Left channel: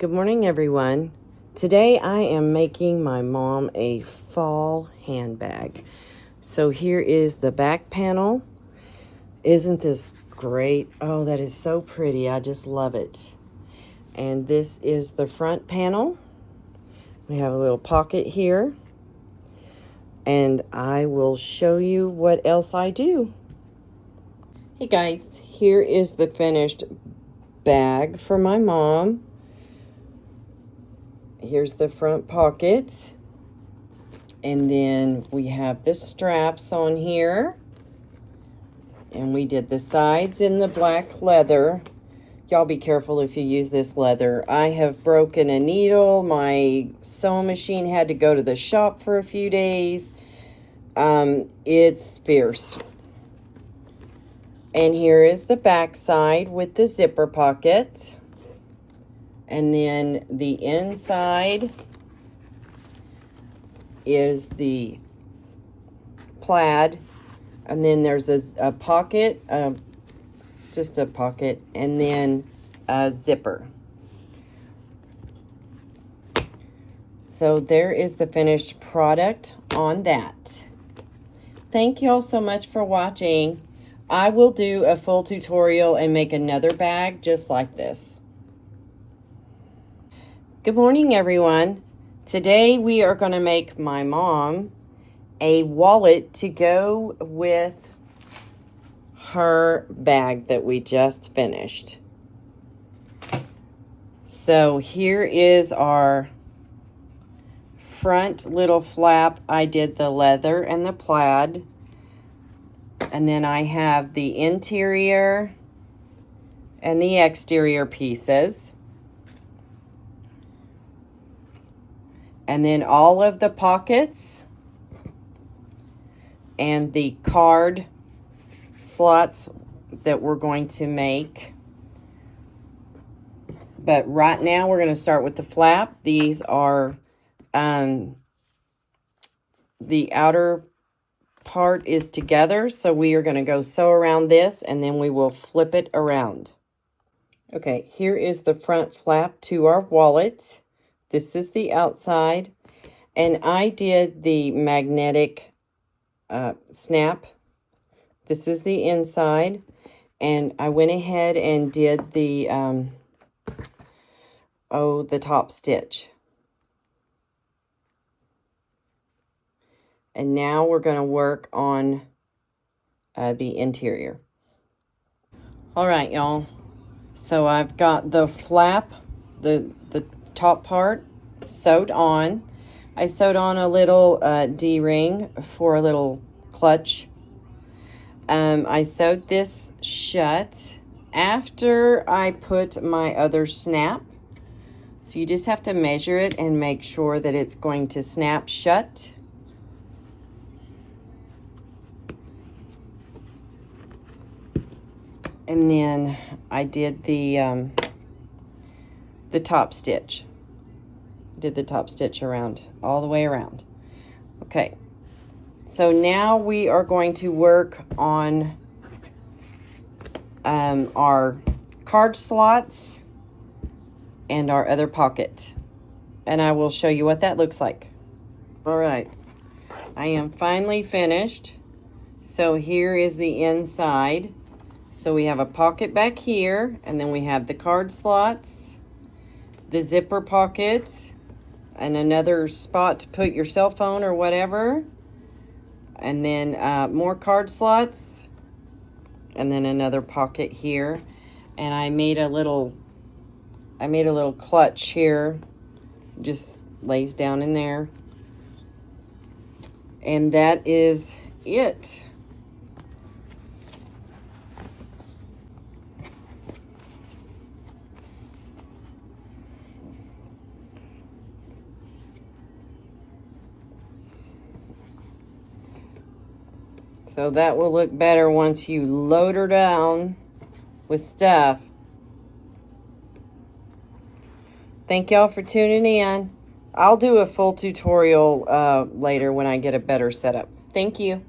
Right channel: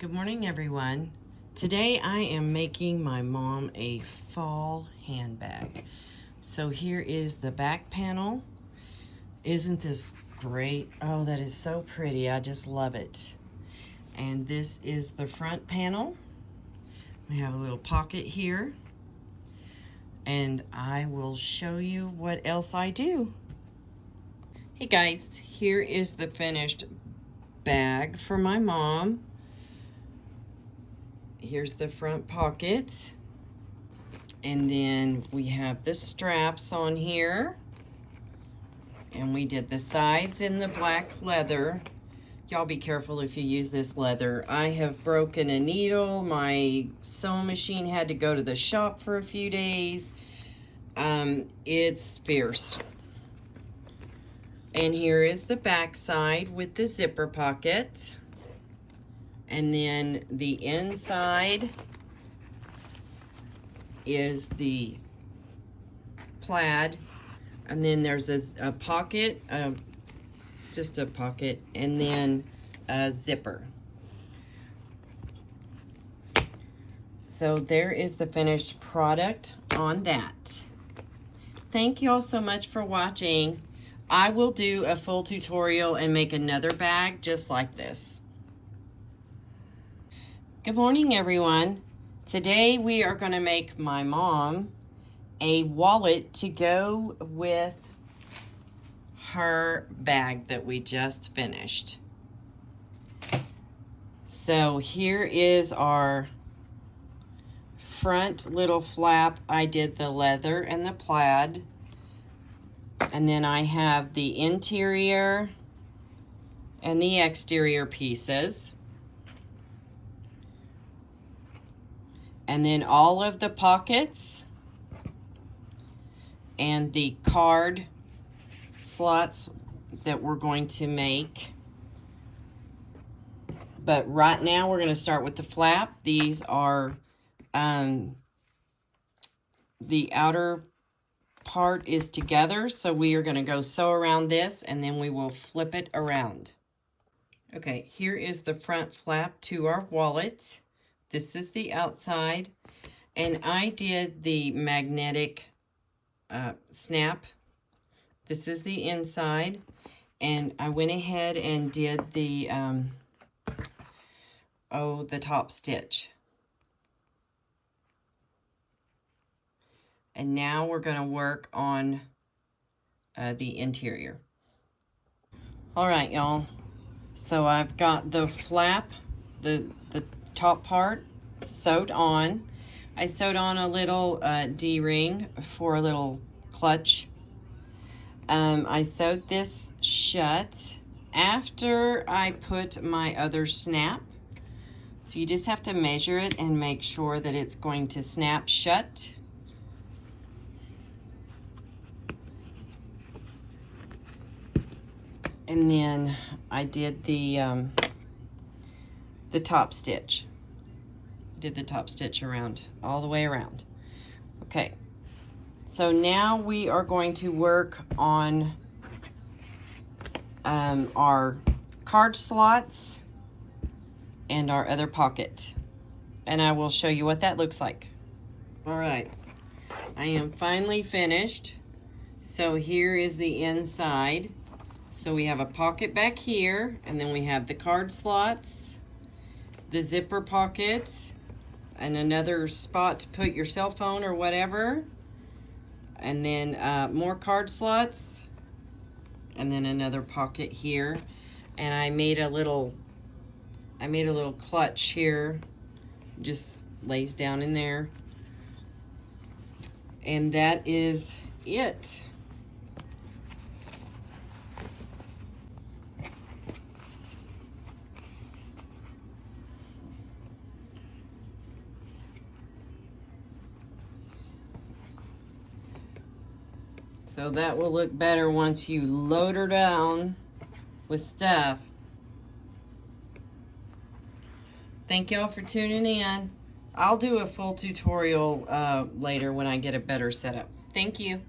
Good morning, everyone. Today I am making my mom a fall handbag. So here is the back panel. Isn't this great? Oh, that is so pretty. I just love it. And this is the front panel. We have a little pocket here. And I will show you what else I do. Hey guys, here is the finished bag for my mom. Here's the front pocket, and then we have the straps on here, and we did the sides in the black leather. Y'all be careful if you use this leather. I have broken a needle. My sewing machine had to go to the shop for a few days. It's fierce. And here is the back side with the zipper pocket. And then the inside is the plaid. And then there's a pocket, just a pocket, and then a zipper. So there is the finished product on that. Thank you all so much for watching. I will do a full tutorial and make another bag just like this. Good morning, everyone. Today we are going to make my mom a wallet to go with her bag that we just finished. So here is our front little flap. I did the leather and the plaid. And then I have the interior and the exterior pieces. And then all of the pockets and the card slots that we're going to make. But right now we're going to start with the flap. These are, the outer part is together. So we are going to go sew around this and then we will flip it around. Okay, here is the front flap to our wallet. This is the outside, and I did the magnetic snap. This is the inside, and I went ahead and did the, the top stitch. And now we're going to work on the interior. All right, y'all. So I've got the flap, the top part sewed on. I sewed on a little D-ring for a little clutch. I sewed this shut after I put my other snap. So you just have to measure it and make sure that it's going to snap shut. And then I did the top stitch. Did the top stitch around, all the way around. Okay, so now we are going to work on our card slots and our other pocket. And I will show you what that looks like. All right, I am finally finished. So here is the inside. So we have a pocket back here, and then we have the card slots, the zipper pocket, and another spot to put your cell phone or whatever, and then more card slots, and then another pocket here. And I made a little clutch here, just lays down in there, and that is it. So that will look better once you load her down with stuff. Thank y'all for tuning in. I'll do a full tutorial later when I get a better setup. Thank you.